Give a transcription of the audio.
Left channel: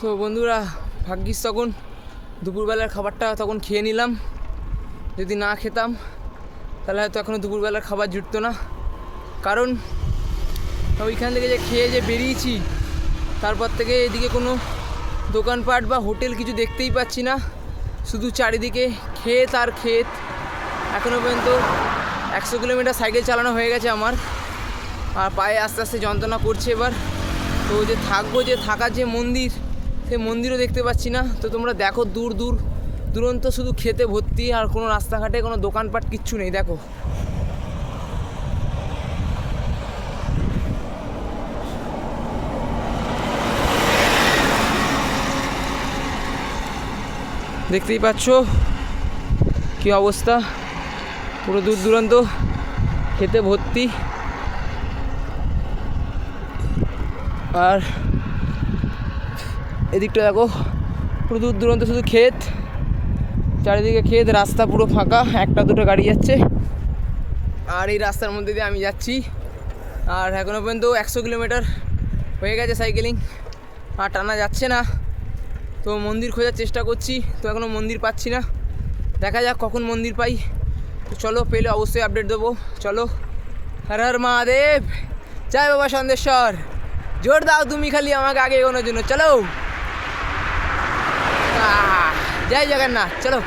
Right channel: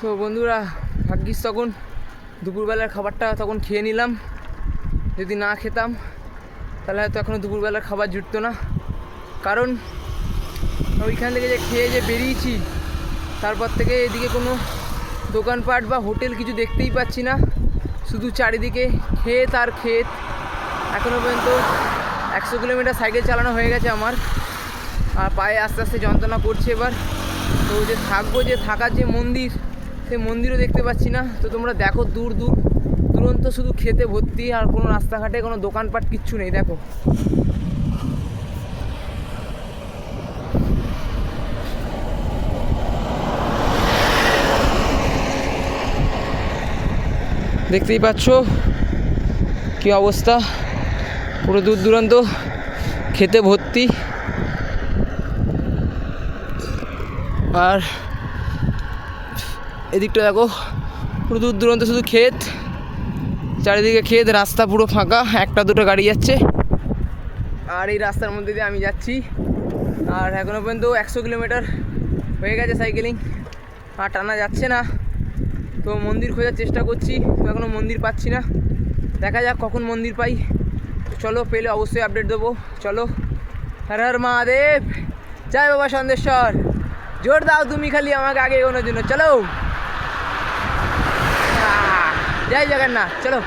তো বন্ধুরা, ভাগ্যিস তখন দুপুরবেলার খাবারটা তখন খেয়ে নিলাম। যদি না খেতাম তাহলে হয়তো এখনও দুপুরবেলার খাবার জুটতো না। কারণ ওইখান থেকে যে খেয়ে যে বেরিয়েছি, তারপর থেকে এদিকে কোনো দোকানপাট বা হোটেল কিছু দেখতেই পাচ্ছি না। শুধু চারিদিকে ক্ষেত আর ক্ষেত। এখনও পর্যন্ত 100 কিলোমিটার সাইকেল চালানো হয়ে গেছে আমার, আর পায়ে আস্তে আস্তে যন্ত্রণা করছে এবার। তো যে থাকবো, যে থাকার যে মন্দির, সেই মন্দিরও দেখতে পাচ্ছি না। তো তোমরা দেখো, দূর দূর দুরন্ত শুধু খেতে ভর্তি, আর কোনো রাস্তাঘাটে কোনো দোকানপাট কিচ্ছু নেই। দেখো, দেখতেই পাচ্ছ কী অবস্থা, পুরো দূর দূরান্ত খেতে ভর্তি। আর এদিকটা দেখো, পুরো দূর দূরান্ত শুধু ক্ষেত, চারিদিকে ক্ষেত, রাস্তা পুরো ফাঁকা, একটা দুটো গাড়ি যাচ্ছে। আর এই রাস্তার মধ্যে দিয়ে আমি যাচ্ছি। আর এখনও পর্যন্ত 100 কিলোমিটার হয়ে গেছে সাইকেলিং, আর টানা যাচ্ছে না। তো মন্দির খোঁজার চেষ্টা করছি, তো এখনও মন্দির পাচ্ছি না। দেখা যাক কখন মন্দির পাই। তো চলো, পেলে অবশ্যই আপডেট দেবো। চলো, হর হর মহাদেব, জয় বাবা সন্দেশ্বর। জোর দাও তুমি খালি আমাকে আগে এগোনোর জন্য। চলো, জয় জগন্নাথ। চলো।